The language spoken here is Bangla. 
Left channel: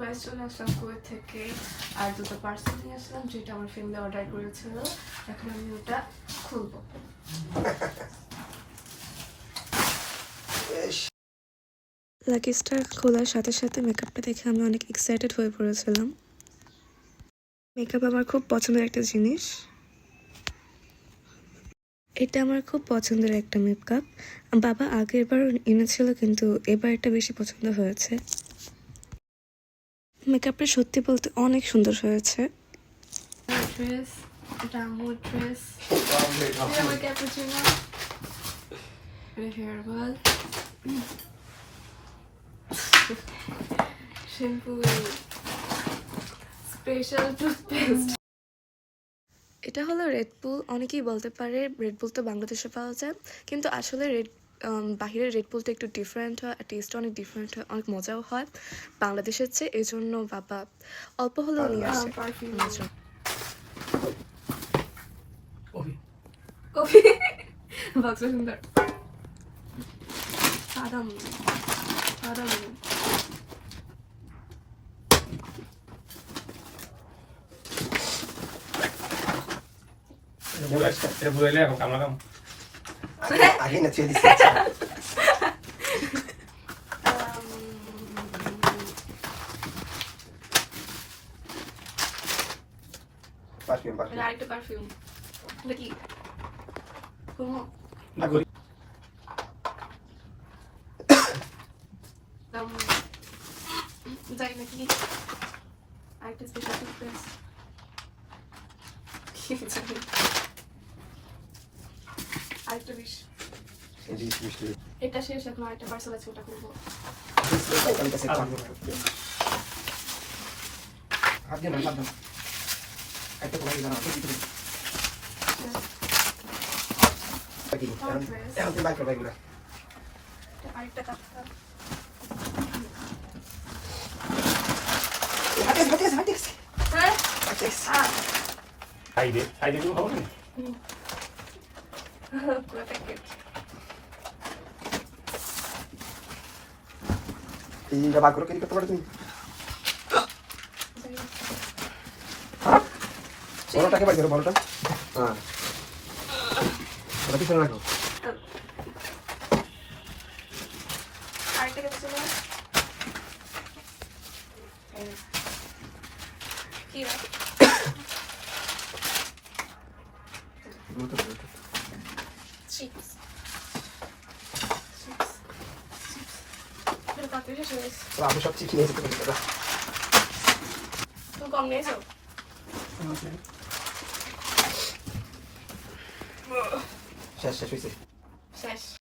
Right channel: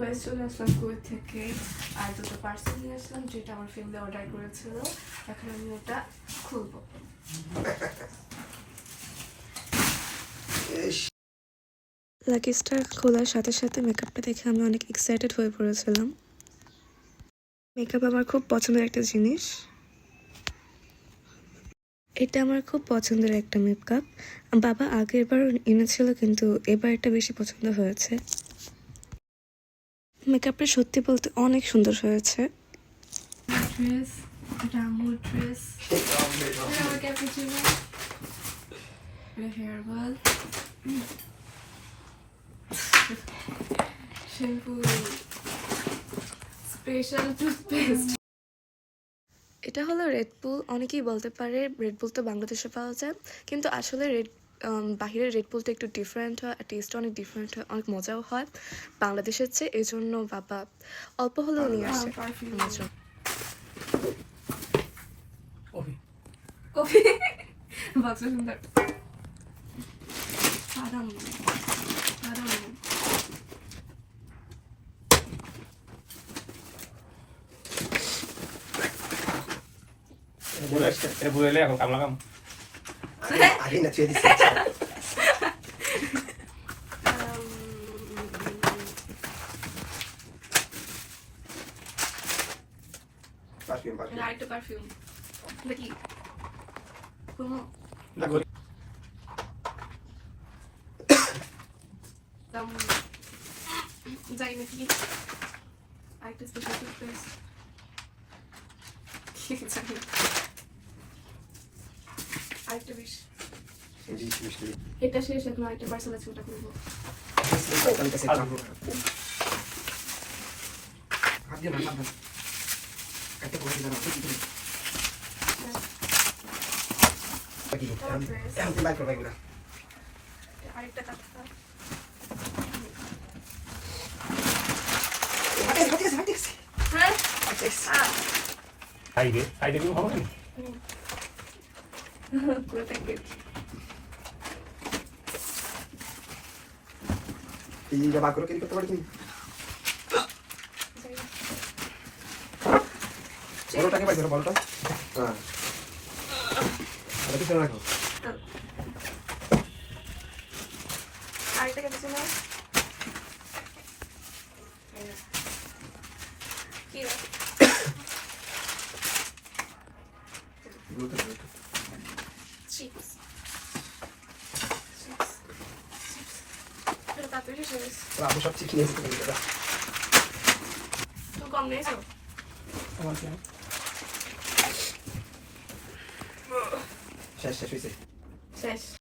গাইস চলে আসলাম কুয়েত থেকে। আর দুটো পার্সেল নিয়ে আসলাম যেটা আমার ফ্যামিলি অর্ডার করেছিল। এখন আমি ওটা খুলবো। লাকি স্টার খোলার সাথে সাথে মেকআপটা দেখে আমি অনেক এক্সাইটেড হয়ে পড়েছিলাম। মেকআপ আমার খুব পছন্দের একটা জিনিস। এটা আমার খুব পছন্দের একটা মেকআপ বাবা আগের বার এনেছিল কিন্তু এবার এটা বেশি পছন্দ হয়েছে। মেকআপটা সত্যি বলতে অনেক সুন্দর হয়েছে। ড্রেস এটা আমার dress cappuccino hair ball shampoo special toothpaste এটা হলো রেড বুল অনেকেই বলতে পারে রেড বুল তো বাংলাদেশে পাওয়া যায় কিন্তু আসলে রেড বাহিরের রেড বুলটা একটু ডিফারেন্ট হয় আর টেস্ট অনেক ডিফারেন্ট হয় অনেক মজাও হয়। বাংলাদেশের চেয়ে এই জন্য বাবা অল্প হলেও নিয়ে আসে। আমার সুন্দর। এটা বুঝাইলে এখন না চুয়ে দিচ্ছি পারফিউম পারফিউম আরেকটা পারফিউম দেখি কোনো না করি দাম যাই নাকি আরেকটা স্পেশাল টুথপেস্ট আরেকটা বিশ এটা শেষ এখন আরেকটা পার্সেল আছে ওটা করব। তুমি আরেকটা হ্যাঁ নেই পুরো প্যাকেট এই জিনিসটা বার করে কি করতে পারো তুমি বড়টাকে বার করো বড়টা হ্যাঁ পিছনে রাখো আরেকটা কেটে নাও কি রে? চিপস চিপস এটা তাড়াতাড়ি শেষ হয়ে গেছে আমি সব শিখে নিয়েছি তুমি দাদা তুমি কম নিয়েছো শেষ শেষ হয়েছে শেষ